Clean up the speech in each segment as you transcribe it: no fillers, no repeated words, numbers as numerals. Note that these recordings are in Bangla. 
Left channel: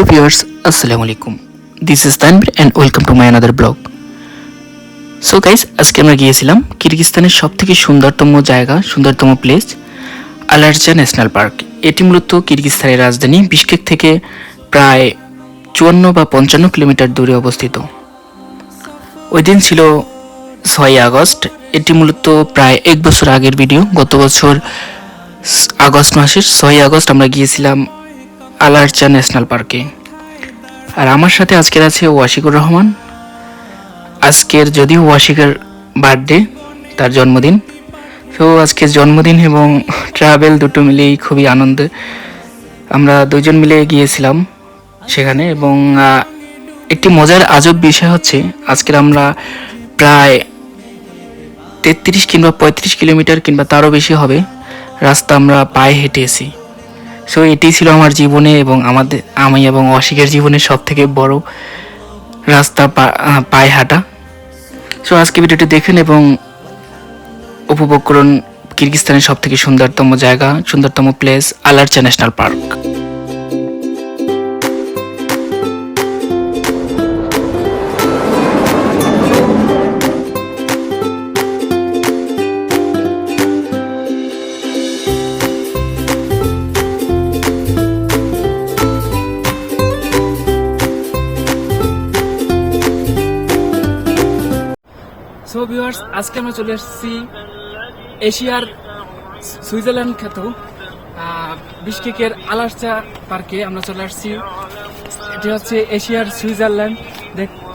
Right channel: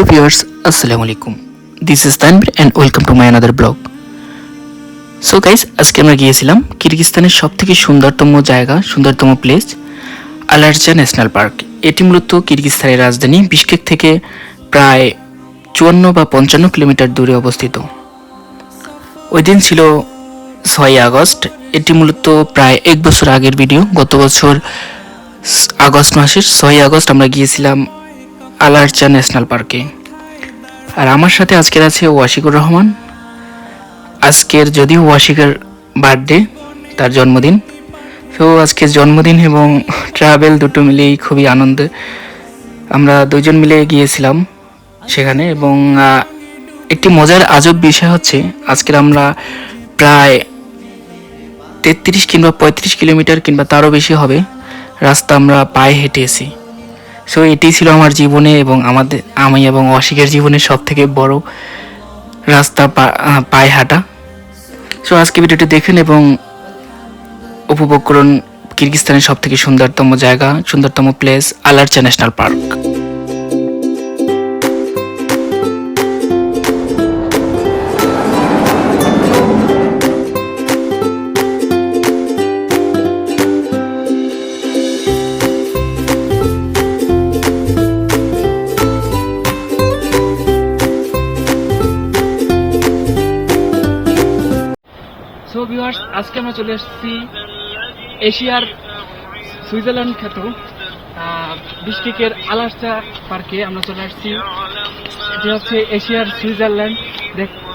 Hello viewers, Assalamu alaikum. This is Tanvir and welcome to my another blog. So guys, আজকে আমরা গিয়েছিলাম কিরগিজস্তানের সবথেকে সুন্দরতম প্লেস আলারচা ন্যাশনাল পার্ক। এটি মূলত কিরগিজস্তানের রাজধানী বিশকেক থেকে প্রায় 54 বা 55 কিলোমিটার দূরে অবস্থিত। ওই দিন ছিল 6 আগস্ট। এটি মূলত প্রায় এক বছর আগের ভিডিও। গত বছর আগস্ট মাসের 6 আগস্ট আমরা গিয়েছিলাম আলারচা ন্যাশনাল পার্কে। আর আমার সাথে আজকের আছে ওয়াশিকুর রহমান। আজকের যদিও ওয়াশিকের বার্থডে, তার জন্মদিন, তো আজকের জন্মদিন এবং ট্রাভেল দুটো মিলেই খুবই আনন্দে আমরা দুজন মিলে গিয়েছিলাম সেখানে। এবং একটি মজার আজব বিষয় হচ্ছে আজকের আমরা প্রায় 33 কিংবা 35 কিলোমিটার কিংবা তারও বেশি হবে রাস্তা আমরা পায়ে হেঁটেছি। সো এটি ছিল আমার জীবনে এবং আমি এবং ওয়াশিকের জীবনের সব থেকে বড় রাস্তা পায়ে হাঁটা। সো আজকে ভিডিওটি দেখেন এবং উপভোগ করুন কিরগিজস্তানের সব থেকে সুন্দরতম place Ala Archa national park. So viewers, আজকে আমরা চলে এসেছি এশিয়ার সুইজারল্যান্ড খ্যাত বিশকেকের আলারচা পার্কে। আমরা চলে আসছি, এটি হচ্ছে এশিয়ার সুইজারল্যান্ড।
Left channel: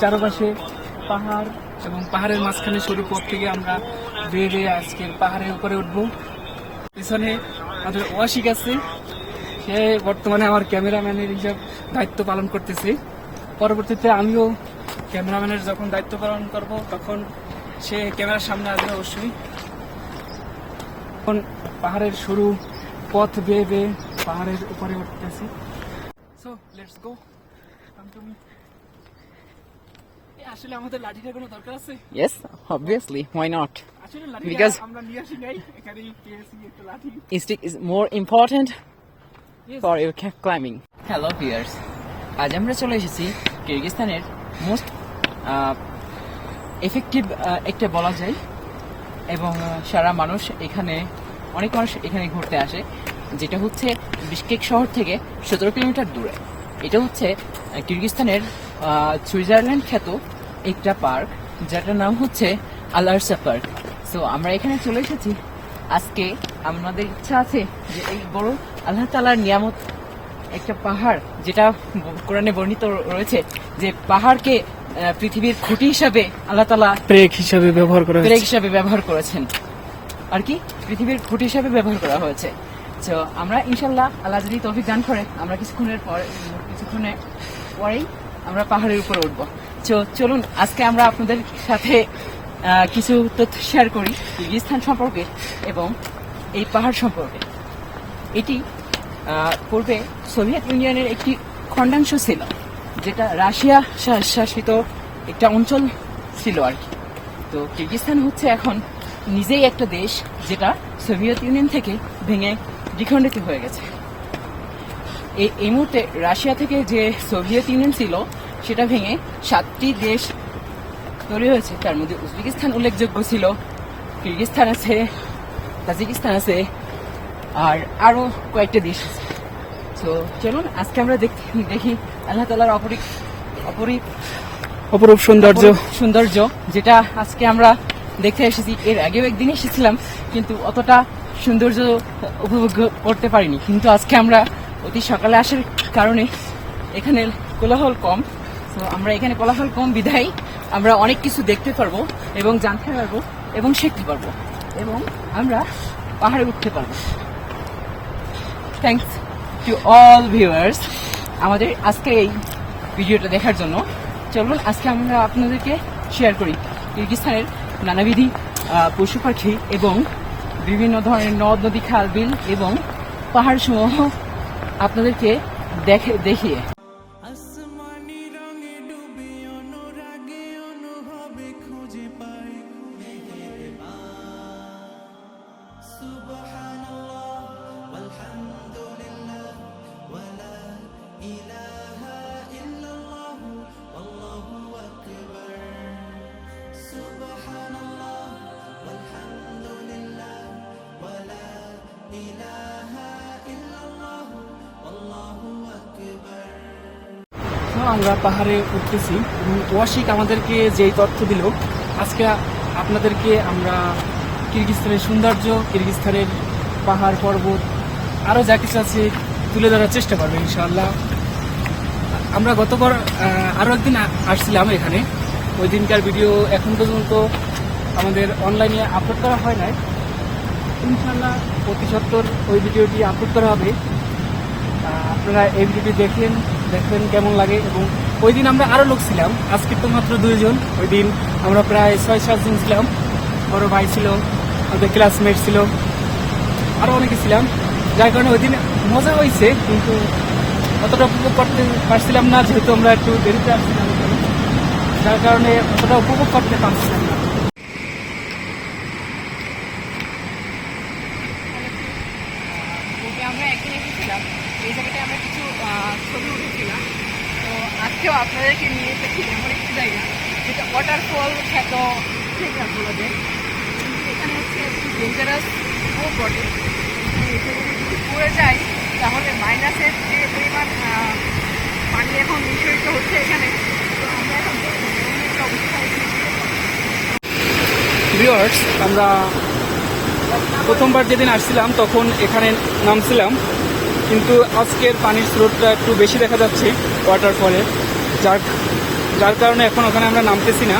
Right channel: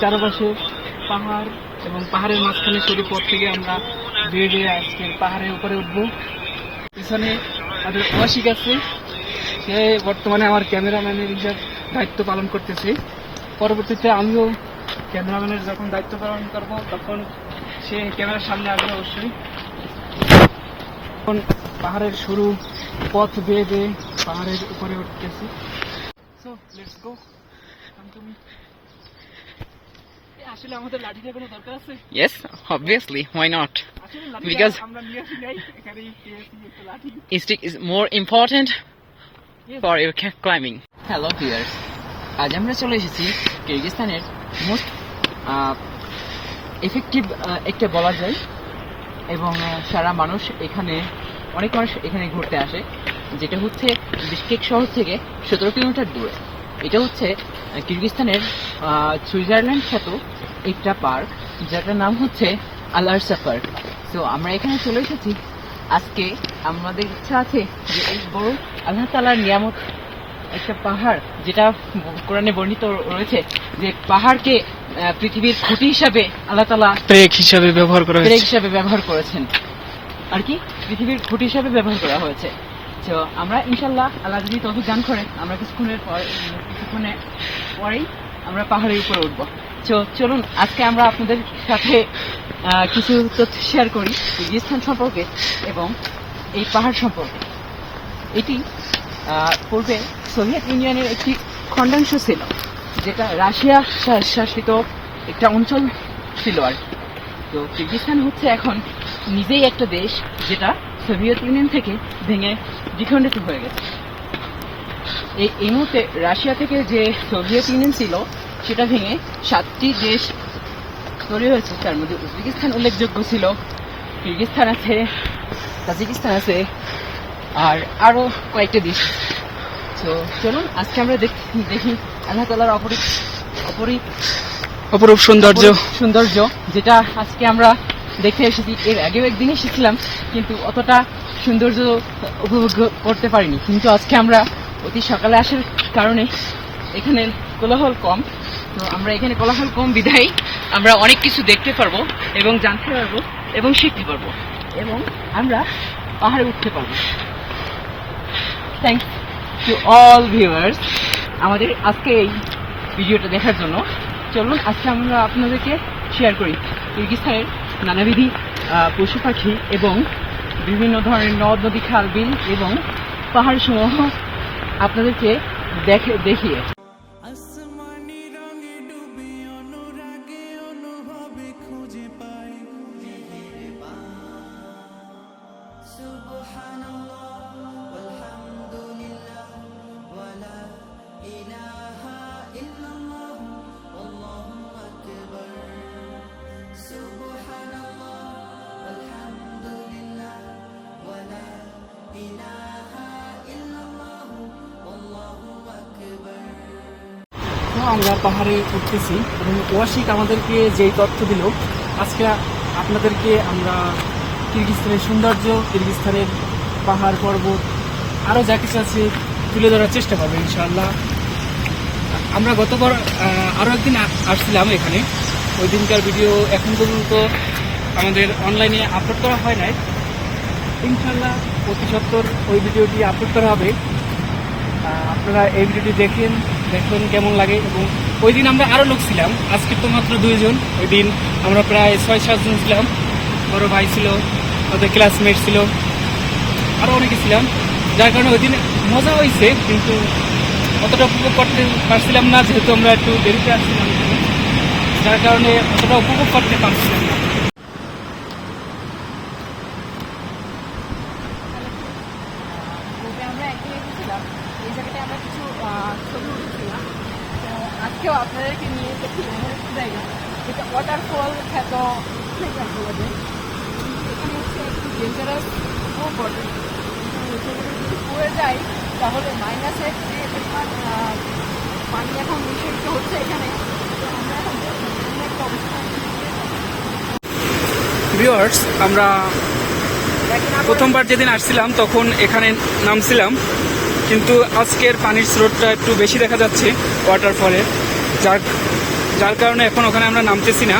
চারপাশে পাহাড় এবং পাহাড়ের মাঝখানে সরু পথ থেকে আমরা ধীরে আজকে পাহাড়ের উপরে উঠবো। পিছনে আমাদের ওয়াশিক আছে, সে বর্তমানে আমার ক্যামেরাম্যানের হিসাব দায়িত্ব পালন করতেছে। পরবর্তীতে আমিও ক্যামেরাম্যানের যখন দায়িত্ব পালন করবো তখন সে ক্যামেরার সামনে আসবে অবশ্যই। এখন পাহাড়ের সরু পথ বেয়ে পাহাড়ের উপরে উঠতেছি। So let's go. আসলে আমাদের লাঠির কোনো দরকার আছে? Yes, obviously. Why not? Because আমরা নিয়ে আসি নাই, এখানেই পেয়েছি একটা লাঠি। stick is more important for your climbing. Hello viewers. আজ আমরা চলে এসেছি কিরগিজস্তানের মোস্ট এফেক্টিভ একটা বলা যায়, এবং সারা অনেক মানুষ এখানে ঘুরতে আসে, যেটা হচ্ছে বিশকেক শহর থেকে 17 কিলোমিটার দূরে। এটা হচ্ছে কিরগিজস্তানের সুইজারল্যান্ড খ্যাত একটা পার্ক, যার নাম হচ্ছে আলারচা পার্ক। সো আমরা এখানে চলে এসেছি। আজকে আমাদের ইচ্ছা আছে যে এই বড় আল্লাহ তাআলার নিয়ামত একটা পাহাড়, যেটা কোরআনে বর্ণিত রয়েছে যে পাহাড়কে পৃথিবীর খুঁটি হিসাবে আল্লাহ তাআলা ব্রেক হিসাবে ব্যবহার করেছেন আর কি, পৃথিবীর খুঁটি হিসাবে ব্যবহার করা হয়েছে। তো আমরা ইনশাল্লাহ আল্লাহ যদি তৌফিক দান করে আমরা কিছুক্ষণের পরেই আমরা পাহাড়ের উপরে উঠবো। তো চলুন আজকে আমরা আপনাদের সাথে কিছু তথ্য শেয়ার করি কিরগিজস্তান সম্পর্কে এবং এই পাহাড় সম্পর্কে। এটি পূর্বে সোভিয়েত ইউনিয়নের একটি খণ্ডাংশ ছিল, যেটা রাশিয়া শাসিত একটা অঞ্চল ছিল আর কি। তো কিরগিজস্তান হচ্ছে এখন নিজেই একটা দেশ, যেটা সোভিয়েত ইউনিয়ন থেকে ভেঙে দ্বিখণ্ডিত হয়ে গেছে। এই মুহূর্তে রাশিয়া থেকে যে সোভিয়েত ইউনিয়ন ছিল সেটা ভেঙে 7টি দেশ তৈরি হয়েছে। তার মধ্যে উজবেকিস্তান উল্লেখযোগ্য ছিল, কিরগিজস্তান আছে, তাজিকিস্তান আছে, আর আরও কয়েকটা দেশ। তো চলুন আজকে আমরা দেখি আল্লাহ তাআলার অপরূপ সৌন্দর্য, যেটা আজকে আমরা দেখে এসেছি। এর আগেও একদিন এসেছিলাম, কিন্তু অতটা সৌন্দর্য উপভোগ করতে পারিনি। কিন্তু আজকে আমরা অতি সকালে আসার কারণে এখানে কোলাহল কম। তো আমরা এখানে কোলাহল কম বিধায় আমরা অনেক কিছু দেখতে পারবো এবং জানতে পারবো এবং শিখতে পারবো এবং আমরা পাহাড়ে উঠতে পারবো। থ্যাংকস টু অল ভিউয়ার্স আমাদের আজকে এই ভিডিওটা দেখার জন্য। চলুন আজকে আমরা আপনাদেরকে শেয়ার করি কিরগিজস্তানের নানাবিধি পশু পাখি এবং বিভিন্ন ধরনের নদ নদী, খাল বিল এবং পাহাড় সমূহ আপনাদেরকে দেখিয়ে। সুবহানাল্লাহ ওয়ালহামদুলিল্লাহ ওয়ালা ইলাহা আমরা পাহাড়ে উঠতেছি এবং ওয়াসিক আমাদেরকে যেই তথ্য দিল, আজকে আপনাদেরকে আমরা কিরগিজস্তানের সৌন্দর্য, কিরগিজস্তানের পাহাড় পর্বত আরও যা কিছু আছে তুলে ধরার চেষ্টা করবেন ইনশাআল্লাহ। আমরা গতবার আরও একদিন আসছিলাম এখানে, ওই দিনকার ভিডিও এখন পর্যন্ত আমাদের অনলাইনে আপলোড করা হয় নাই। ইনশাআল্লাহ অতি সত্বর ওই ভিডিওটি আপলোড করা হবে। আপনারা এই ভিডিওটি দেখবেন কেমন লাগে। এবং ওই দিন আমরা আরও লোক ছিলাম, আজকে তো মাত্র 2 জন। ওই দিন আমরা প্রায় 6-7 জন ছিলাম। বড় ভাই ছিল, আমাদের ক্লাসমেট ছিল, আরও অনেকে ছিলাম, যার কারণে ওই দিন মজা হয়েছে, কিন্তু অতটা উপভোগ করতে পারছিলাম না, যেহেতু আমরা একটু দেরিতে আসছিলাম এখানে, যার কারণে অতটা উপভোগ করতে পারছিলাম না। আমরা একদিন এসেছিলাম, এই জায়গাটায় আমরা কিছু ছবি উঠেছিলাম। তো আজকেও আপনাদেরকে নিয়ে দেখি এমন একটি জায়গা যেটা ওয়াটারফল খ্যাত বলে। এখানে হচ্ছে একটু ডেঞ্জারাস ও বটে, এখানে যদি পড়ে যায় তাহলে মাইনাসের যে পরিমাণ আমি এখন মিশরিত হচ্ছে এখানে। তো আমরা এখন ভিউয়ার্স, আমরা প্রথমবার যেদিন আসছিলাম তখন এখানে নামছিলাম, কিন্তু আজকের পানির স্রোতটা একটু বেশি দেখা যাচ্ছে ওয়াটারফলের, যার কারণে এখন ওখানে আমরা নামতেছি না,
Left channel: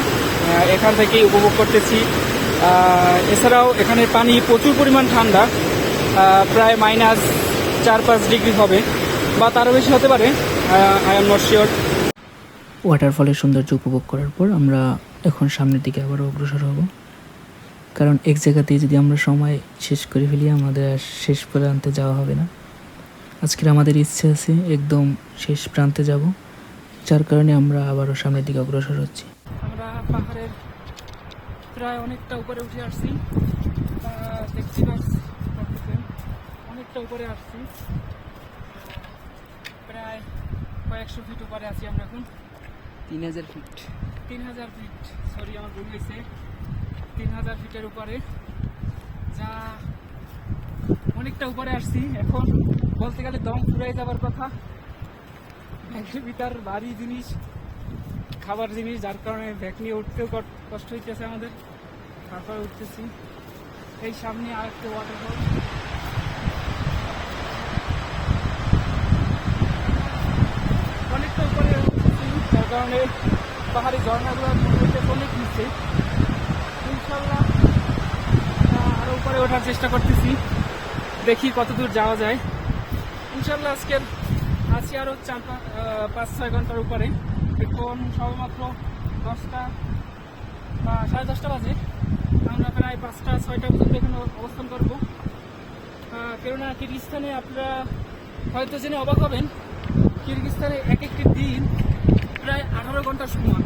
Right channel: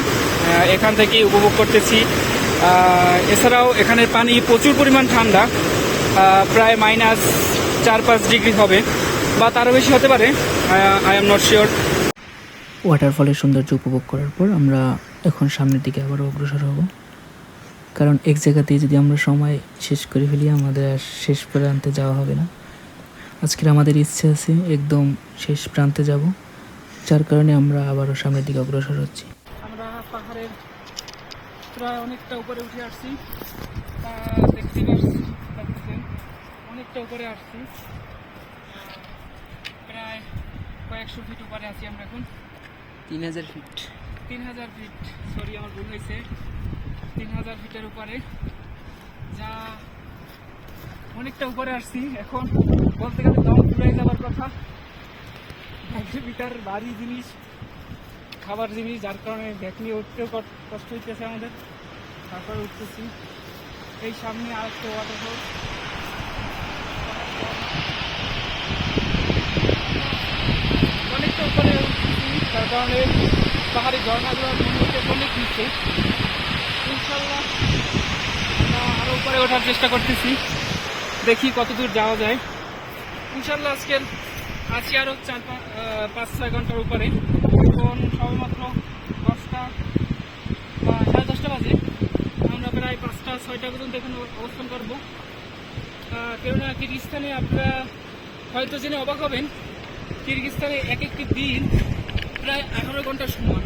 এখান থেকেই উপভোগ করতেছি। এছাড়াও এখানের পানি প্রচুর পরিমাণ ঠান্ডা, প্রায় -4-5 ডিগ্রি হবে বা তারও বেশি হতে পারে, আই এম নট শিওর। ওয়াটারফলের সৌন্দর্য উপভোগ করার পর আমরা এখন সামনের দিকে আবারও অগ্রসর হব, কারণ এক জায়গাতেই যদি আমরা সময় শেষ করে ফেলি আমাদের আর শেষ প্রান্তে যাওয়া হবে না। আজকের আমাদের ইচ্ছে আছে একদম শেষ প্রান্তে যাব, যার কারণে আমরা আবারও সামনের দিকে অগ্রসর হচ্ছি। আমরা পাহাড়ের প্রায় অনেকটা উপরে উঠে আসছি, দেখতে পাচ্ছেন অনেকটা উপরে আসছি, প্রায় কয়েকশো ফিট উপরে আছি আমরা এখন। 3000 ফিট, 3000 ফিট, সরি আমার ভুল হয়েছে, 3000 ফিটের উপরে, যা অনেকটা উপরে আসছি। এখন বলতে গেলে দম ফুলে যাওয়ার কথা, ভিটার ভারী জিনিস, খাবার জিনিস, যার কারণে ব্যাগ নিয়ে উঠতেও কষ্ট হইতেছে আমাদের, তারপর উঠতেছি। এই সামনে আর একটু অনেকটা উপরে উঠতেছি, তার কারণে পাহাড়ি ঝর্ণাগুলোর মনে হচ্ছে অনেক নিচ্ছে। ইনশাল্লাহ আরও উপরে ওঠার চেষ্টা করতেছি, দেখি কতদূর যাওয়া যায়। ইনশাল্লাহ আজকের আছি আরও 5-6 ঘন্টার উপরে। এখন সবেমাত্র 10টা বা 10:30 বাজে, আমরা প্রায় 5টা-6টা পর্যন্ত এখানে অবস্থান করব। কেননা কিরগিজস্তানে আপনারা হয়তো জেনে অবাক হবেন, কিরগিজস্তানে এক একটি দিন প্রায় 18 ঘন্টা সমান।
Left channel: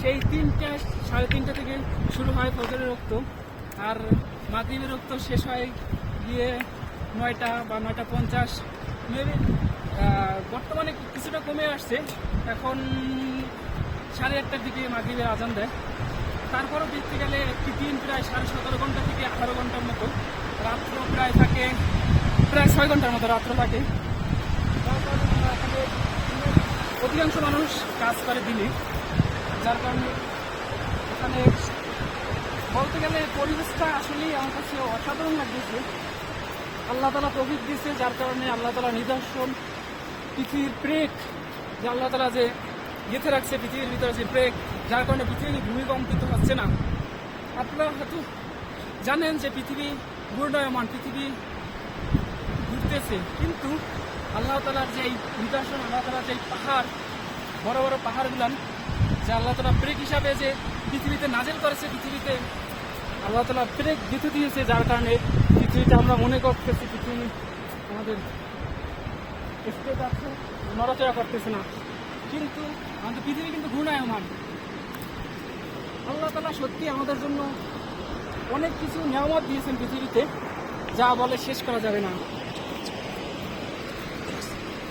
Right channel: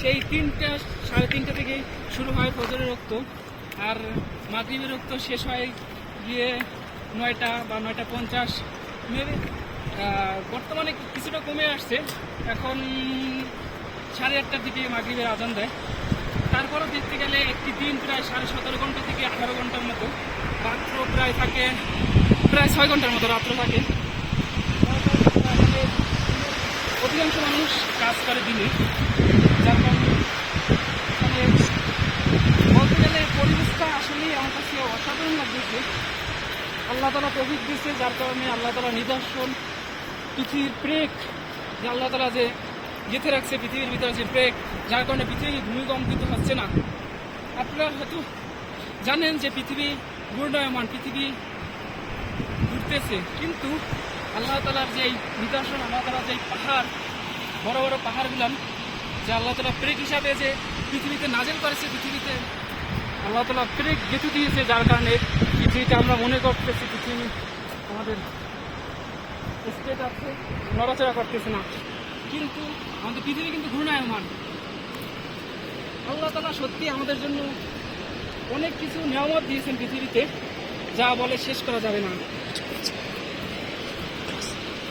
সেই 3টা-3:30 থেকে শুরু হয় ফজরের রক্ত, আর মাগরিবের রক্ত শেষ হয় গিয়ে 9টা বা 9:50। বর্তমানে কিছুটা কমে আসছে, এখন 8:30টার দিকে মাগরিবের আজান দেয়। তারপরও দেখতে গেলে একটি দিন প্রায় 17.5 ঘন্টা থেকে 18 ঘন্টার মতো, রাত্র প্রায় থাকে প্রায় 6 ঘন্টার মতো রাত্র থাকে। যার কারণে এখানে অধিকাংশ মানুষ কাজ করে দিনে, যার কারণে এখানে বলতে গেলে পরিবেশটা আসলেই আমার কাছে অসাধারণ লাগতেছে। আল্লাহ তাআলা তৌফিক দিয়েছে, যার কারণে আল্লাহ তাআলা নিদর্শন, পৃথিবীর ব্রেক যে আল্লাহ তাআলা যে গেঁথে রাখছে পৃথিবীর ভিতরে যে ব্রেক, যার কারণে পৃথিবী ভূমিকম্পিত হচ্ছে না। আপনারা হয়তো জানেন যে পৃথিবী ঘূর্ণায়মান, পৃথিবী ঘুরতেছে, কিন্তু আল্লাহ তাআলার যেই নিদর্শন, আল্লাহ তাআলার যেই পাহাড়, বড় বড় পাহাড়গুলান, যে আল্লাহ তাআলা ব্রেক হিসাবে যে পৃথিবীতে নাজিল করেছে, পৃথিবীতে আল্লাহ তাআলা ব্রেক গেঁথে দিয়েছে, যার কারণে পৃথিবীতে আমরা মনে করতেছি পৃথিবী আমাদের স্টেট আছে, নড়াচড়া করতেছে না, কিন্তু আমাদের পৃথিবী কিন্তু ঘূর্ণায়মান। আল্লাহ তাআলা সত্যি আমাদের জন্য অনেক কিছু নিয়ামত দিয়েছেন পৃথিবীতে, যা বলে শেষ করা যাবে না।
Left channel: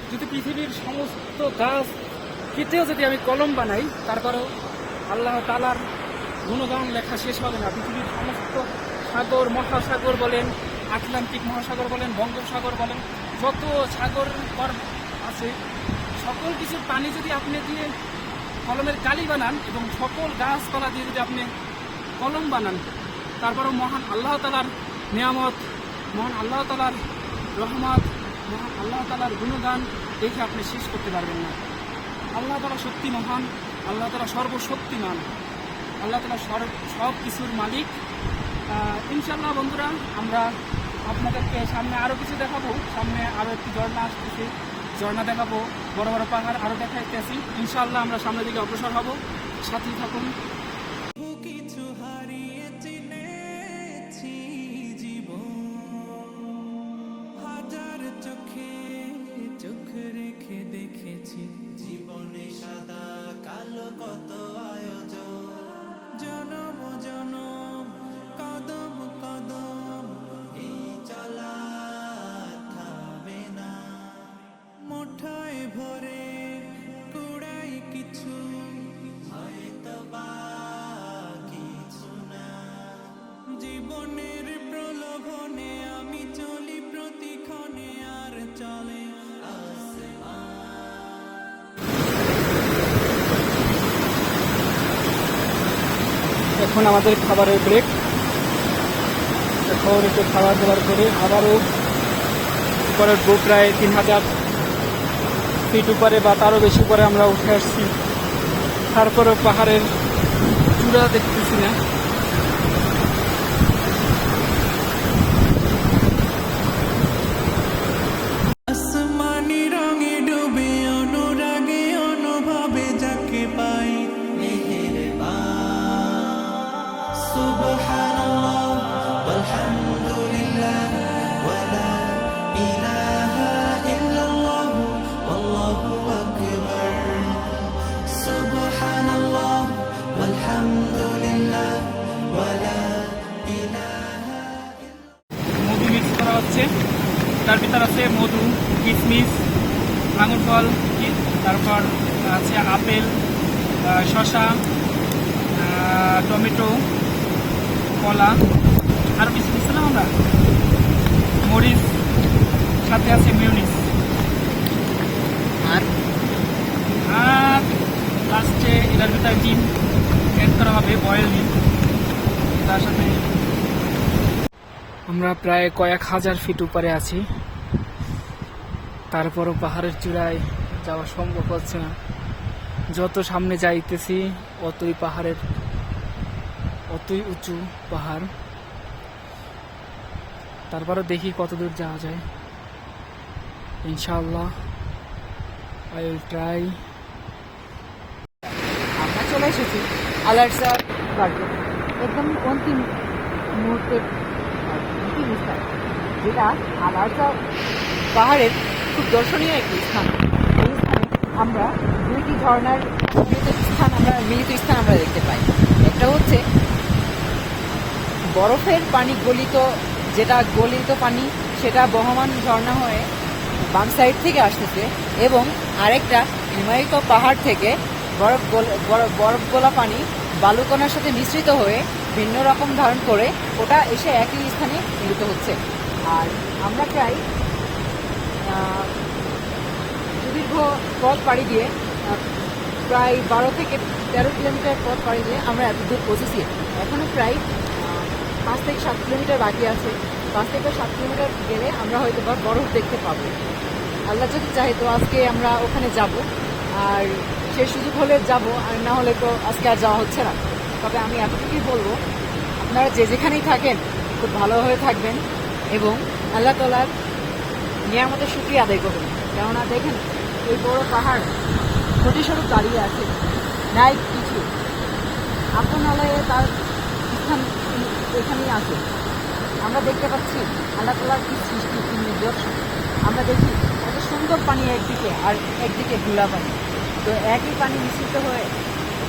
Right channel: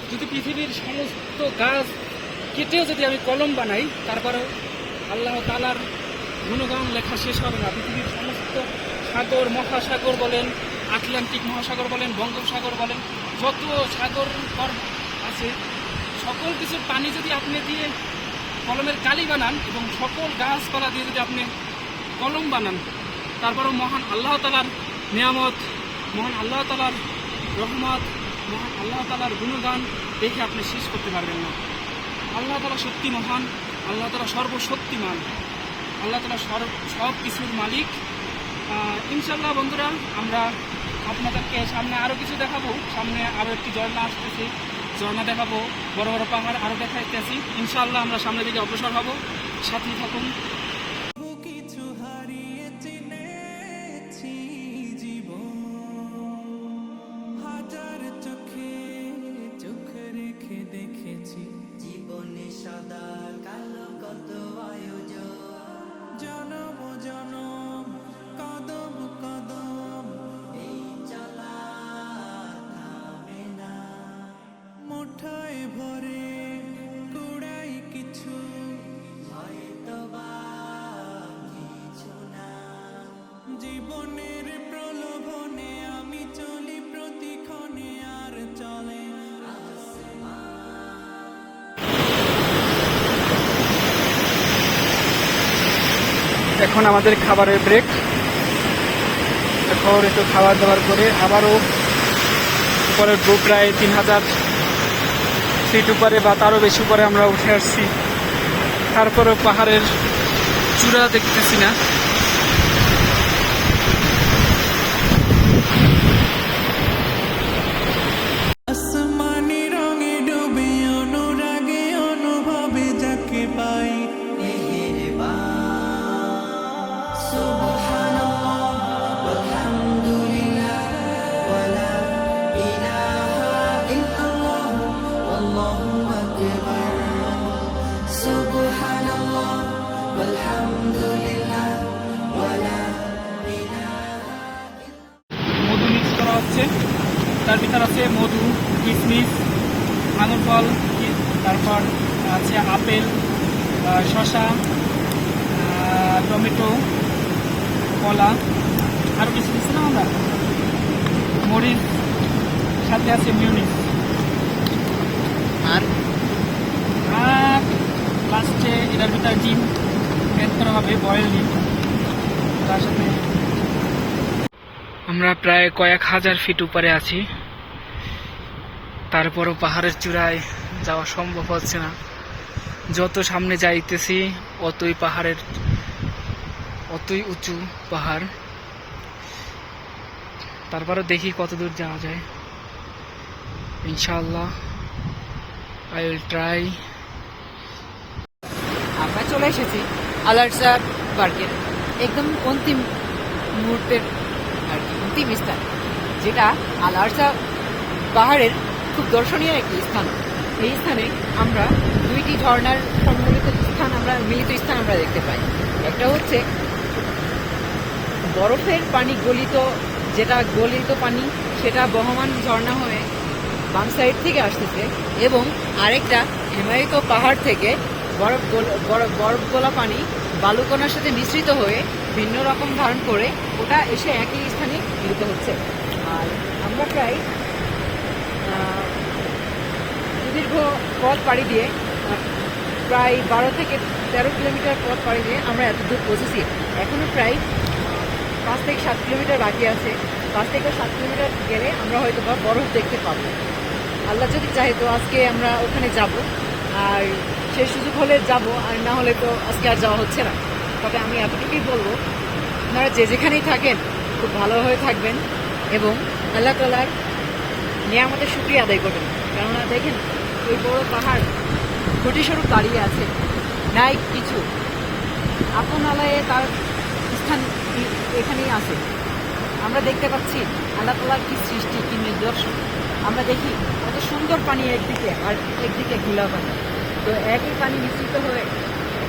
যদি পৃথিবীর সমস্ত গাছ কেটেও যদি আমি কলম বানাই, তারপরেও আল্লাহ তাআলার গুণগান লেখা শেষ হবে না। পৃথিবীর সমস্ত সাগর, মহাসাগর বলেন, আটলান্টিক মহাসাগর বলেন, বঙ্গোপসাগর বলেন, যত সাগর আছে সকল কিছুর পানি যদি আপনি দিয়ে কলমের কালি বানান এবং সকল গাছপালা দিয়ে যদি আপনি কলম বানান, তারপরেও মহান আল্লাহ তাআলার নিয়ামত, মহান আল্লাহ তাআলার রহমত, মহান আল্লাহ তাআলার গুণগান দেখে আপনি শেষ করতে পারবেন না। আল্লাহ তাআলা সত্যি মহান, আল্লাহ তাআলা সর্বশক্তিমান, আল্লাহ তাআলা সব কিছুর মালিক। ইনশাল্লাহ বন্ধুরা, আমরা আপনাদেরকে সামনে আরও কিছু দেখাবো, সামনে আরও একটি ঝর্ণা আসতেছে, ঝর্ণা দেখাবো, বড় বড় পাহাড় আরও দেখাইতেছি। ইনশাল্লাহ আমরা সামনের দিকে অগ্রসর হব, সাথেই থাকুন। কিছু হারিয়ে চিনেছি জীবন, হাজার চোখে চোখ রেখে দেখেছি জীবনে সাদা কালো কত আয়োজন, জনম জনম কদম কদম এই চলা থামবে না, মুঠোয় ভরে কুড়াই কিছু হয়তো বা কিছু না, জীবনের প্রলোভনে আমি চলি প্রতিক্ষণে আর চলে এখন আমাদের খাবারের ব্রেক। এরপর একটু খাবার দাবার করে আবারও উপরে উঠবো, প্রায় 3000 ফিট উপরে বা তারও বেশি উপরে আমরা উঠে আসছি। তারপরেও পাহাড়ের চূড়া দেখতেছি না। আসমানি রঙে ডুবে অনুরাগে অনুভবে যাকে পাই মধু মিক্স করা হচ্ছে, তার ভিতর আছে মধু, কিশমিশ, আঙুর ফল, তারপর আছে আপেল, শসা, টমেটো, কলা, আরও কিছু কিছু না আমরা মরিচ, সাথে আছে মিউনিস, আর আর লাস্টে এটার ভিতরে ডিম এড করা হবে, বয়েল ডিম। তার সাথে আমরা প্রায় কয়েক হাজার ফিট উপরে আছি, তারপরও পাহাড়ের চূড়ায় যাওয়া সম্ভব হচ্ছে না। যত সামনে যাইতেছি অতই উঁচু পাহাড়। তারপরও দেখি কত দূর যাওয়া যায়। ইনশাআল্লাহ আই উইল ট্রাই। আমরা চলে এসেছি আলারসা পার্কের একদম অন্তিম মুহূর্তের আর কি, অন্তিম স্থান, যেটা আলারসা পাহাড়ের খুব দর্শনীয় একটি স্থান। এই স্থানে আমরা দুইটি ঝর্ণার মিলিত স্থান আমরা দেখতে পাই। একটা হচ্ছে বরফের পানি গলিত পানি, সেটা বহমান ঝর্ণা হয়ে বাম সাইড থেকে আসতেছে, এবং আরেকটা হিমায়িত পাহাড় থেকে বরফ গোলা পানি বালুকণার সাথে মিশ্রিত হয়ে ভিন্ন রকম ধারণ করে ওটা এসে একই স্থানে মিলিত হচ্ছে। আর আমরা প্রায় সুদীর্ঘ পথ পাড়ি দিয়ে প্রায় 12 থেকে 13 কিলোমিটার পথ পাড়ি দিয়ে আমরা এত দূর পৌঁছেছি। এখনো প্রায় 5 থেকে 7 কিলোমিটার বাকি আছে। 5 থেকে 7 কিলোমিটার গেলে আমরা হয়তো বা বরফ দেখতে পাবো। আল্লাহ যদি চাহে তো আজকে আমরা ওখানে যাব, আর সেই সুযোগ হলে যাব, আর না হলে তো আজকে আর যাওয়া হচ্ছে না। তবে আমি এতটুকুই বলবো, আপনারা যে যেখানেই থাকেন খুব ভালোভাবে থাকবেন এবং আল্লাহ তাআলার নিয়ামতের শুকরিয়া আদায় করবেন। কেননা দেখেন, এই বড় পাহাড় ঘটিস্বরূপ দাঁড়িয়ে আছে, নাই কিছু আপন আলায়ে তার স্থান এখানেই আছে। আমরা দেখতে পাচ্ছি আল্লাহ তাআলার কি সৃষ্টি, কি নিদর্শন। আমরা দেখি কত সুন্দর পানি একদিকে আর একদিকে ঘোলা থাকে, তো একই পানি মিশ্রিত হয়ে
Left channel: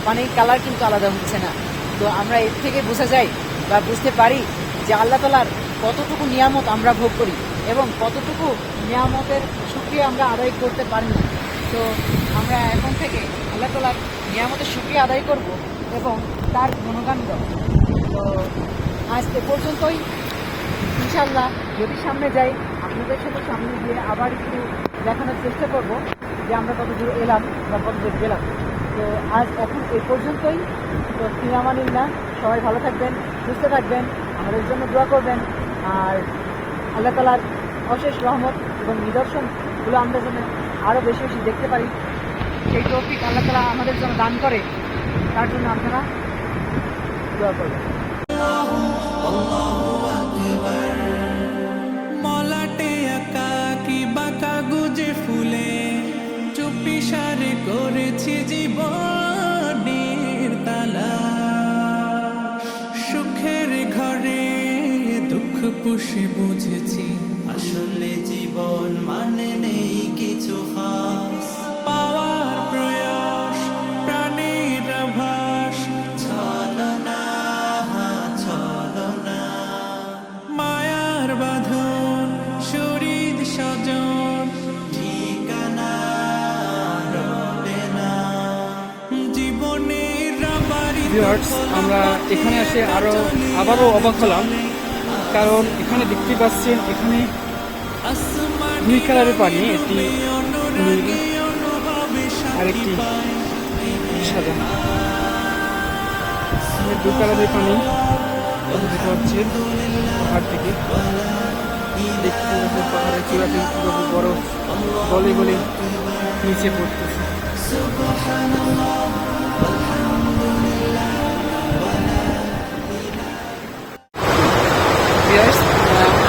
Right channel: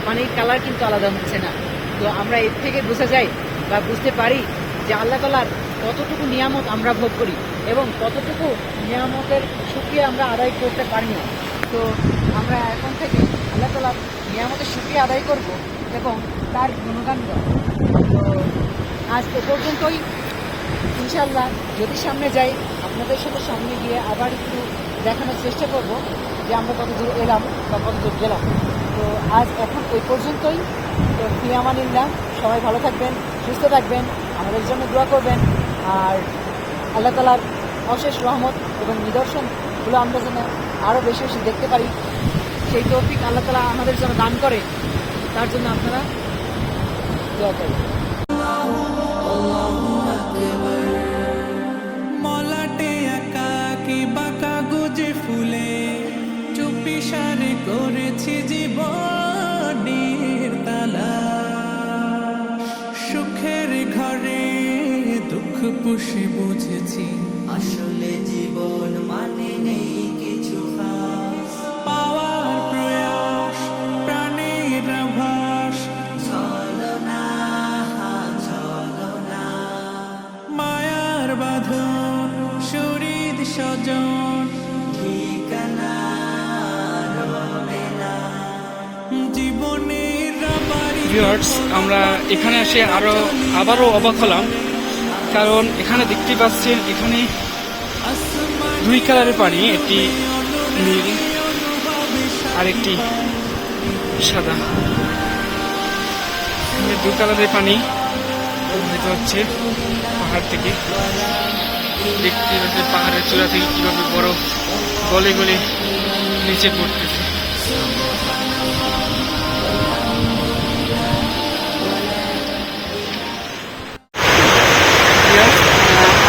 পানির কালার কিন্তু আলাদা হচ্ছে না। তো আমরা এর থেকে বুঝে যাই বা বুঝতে পারি যে আল্লাহ তাআলার কতটুকু নিয়ামত আমরা ভোগ করি এবং কতটুকু নিয়ামতের শুকরিয়া আমরা আদায় করতে পারি না। তো আমরা এখন থেকে আল্লাহ তাআলার নিয়ামতের শুকরিয়া আদায় করব এবং তার গুণগান গাব। তো আজ এ পর্যন্তই। ইনশাআল্লাহ যদি সামনে যাই আপনাদের সাথে সামনে গিয়ে আবার একটু দেখানোর চেষ্টা করব যে আমরা কত দূর এলাম বা কত দূর গেলাম। তো আজ এখন এই পর্যন্তই। তো ফি আমানিল্লাহ, সবাই ভালো থাকবেন, সুস্থ থাকবেন, আমাদের জন্য দোয়া করবেন। আর আল্লাহ তাআলার অশেষ রহমত এবং নিদর্শনগুলো আমরা যেন আরও বেশি বেশি দেখতে পারি, সেই তৌফিক আল্লাহ তাআলা আমাদের জন্য দান করে, তার জন্য আপনারা দোয়া করবেন। মলাটে আঁকা কি বাঁকা গুজে ফুলে চুপি সারে করেছি জীবনের তালা, সুখের ঘরে দুঃখ পুষে বুঝেছি আসলে জীবন মানে নেই কিছু খাস। পাওয়ার প্রয়াস প্রাণের আভাস, চলো না মায়ার বাঁধন শরীর স্বজন ঠিকানা রবে না জীবনের বাড়ি। ভিউয়ার্স, আমরা এখানে এসে আবারও অবাক হলাম, কারণ এখানে দেখতে পাচ্ছেন এখানে দুই কালারের পানি, একটি নীল আর একটি সাদা। এখানে দুই কালারের পানি প্রবাহিত হচ্ছে পাহাড় থেকে। দেখতে পাচ্ছেন পাহাড়ের চূড়া থেকে কিভাবে বরফ গলে গলে নিচে পড়তেছে।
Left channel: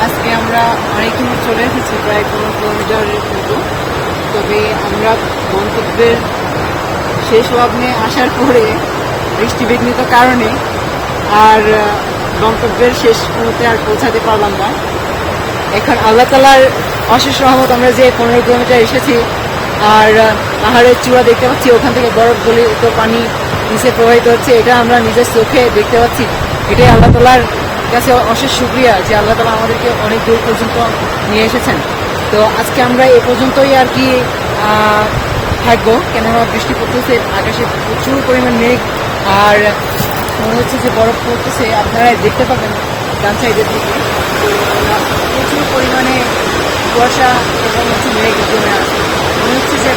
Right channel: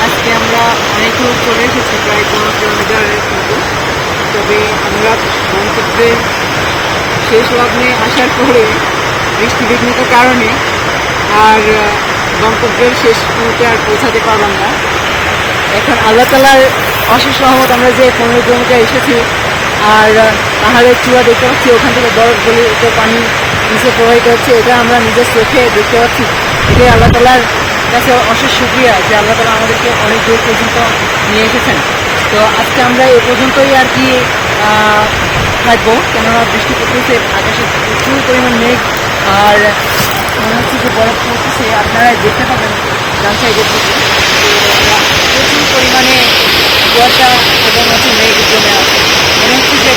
আজকে আমরা অনেক দূর চলে এসেছি, প্রায় 15 কিলোমিটারের মতো। তবে আমরা গন্তব্যে শেষ লগ্নে আসার পরে বৃষ্টি বিঘ্নিত কারণে আর গন্তব্যের শেষ মুহূর্তে আর পৌঁছাতে পারলাম না। এখন আল্লাহ তাআলার অশেষ রহমত, আমরা যে 15 কিলোমিটার এসেছি আর পাহাড়ের চূড়া দেখতে পাচ্ছি, ওখান থেকে বরফ গলে তো পানি নিচে প্রবাহিত হচ্ছে, এটা আমরা নিজের চোখে দেখতে পাচ্ছি। এটাই আল্লাহ তাআলার কাছে অশেষ শুকরিয়া যে আল্লাহ তাআলা আমাদেরকে অনেক দূর পর্যন্ত নিয়ে এসেছেন। তো আজকে আমরা এ পর্যন্তই আর কি থাকবো, কেননা বৃষ্টি পড়তেছে, আকাশে প্রচুর পরিমাণ মেঘ আর মনে হচ্ছে যে বরফ পড়তেছে। আপনারা দেখতে পাবেন ডান সাইডের দিকে প্রচুর পরিমাণে কুয়াশা এবং হচ্ছে মেঘ জমে আছে। মনে হচ্ছে যে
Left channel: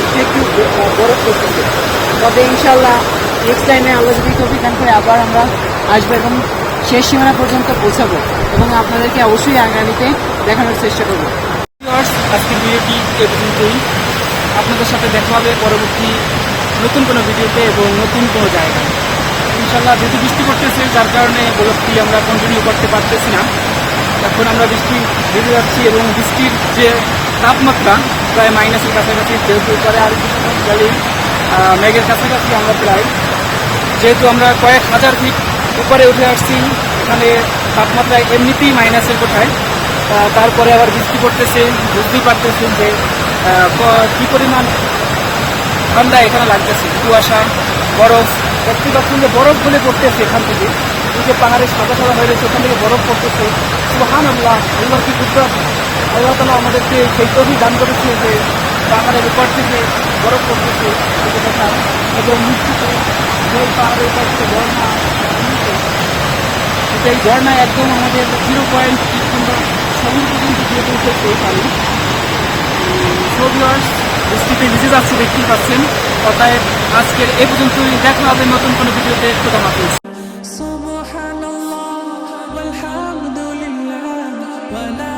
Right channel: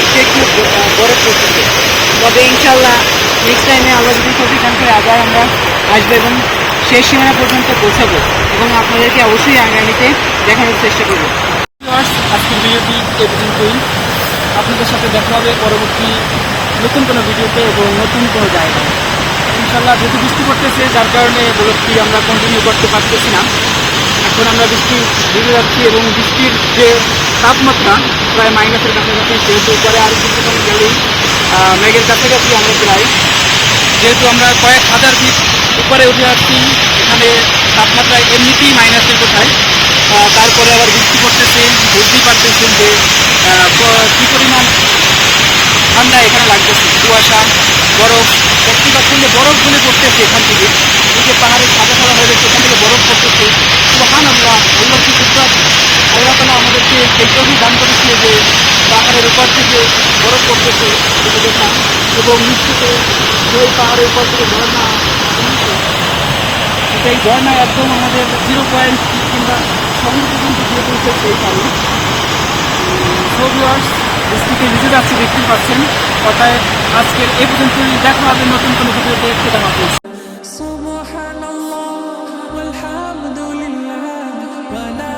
একটু একটু বরফ পড়তেছে। তবে ইনশাআল্লাহ নেক্সট টাইমে আল্লাহ যদি তৌফিক দান করে আবার আমরা আসবো এবং শেষ সীমানা পর্যন্ত পৌঁছাবো এবং আপনাদেরকে অবশ্যই আগামীতে দেখানোর চেষ্টা করবো। আজকের ভিডিওটি এ পর্যন্তই। আপনাদের সাথে দেখা হবে পরবর্তী নতুন কোনো ভিডিওতে এবং নতুন কোনো জায়গায়। ইনশাল্লাহ যেহেতু বৃষ্টি পড়তেছে, যার কারণে ব্লগটি আমরা কন্টিনিউ করতে পারতেছি না। এখন আমরা বৃষ্টি বেরিয়ে যাচ্ছি এবং বৃষ্টির যে তাপমাত্রা প্রায় মাইনাসের কাছাকাছি, যেহেতু পরে আরও কিছুক্ষণ গেলেই মেঘের কাছাকাছি আমরা প্রায়, যেহেতু আমরা কয়েক হাজার ফিট উপরে উঠে আসছি, এখানে তাপমাত্রা এমনিতেই মাইনাসের কোথায়, তারপরে আবার বৃষ্টি করতেছে, বুঝতেই পারতেছেন যে কী পরিমাণ ঠান্ডা এখানে লাগতেছে। কুয়াশা, বরফ, প্রত্যেক বরফ গুলে পড়তেছে এখান থেকে, দিকে পাহাড়ের সাদা সাদা হয়ে গেছে, এখান থেকে বরফ পড়তেছে। সুবহানাল্লাহ, আল্লাহ কি করতে, আল্লাহ তাআলা আমাদেরকে সেই তৌফিক দান করেছে যে পাহাড়ের উপর থেকে বরফ পড়তেছে এটা দেখার, এবং নিশ্চিত সেই পাহাড়ের উপর থেকে ঝর্ণা, সেই ঝর্ণা একদম আমাদের 0.6 কিংবা 7 পর্যন্ত বৃষ্টিতে ভিজে যাচ্ছে, দেখতেই পাচ্ছেন। অতএব আজকের এ পর্যন্তই, দেখা হবে নতুন কোনো ভিডিওতে। খোদা হাফেজ। সুবহানাল্লাহ ওয়ালহামদুলিল্লাহ ওয়ালা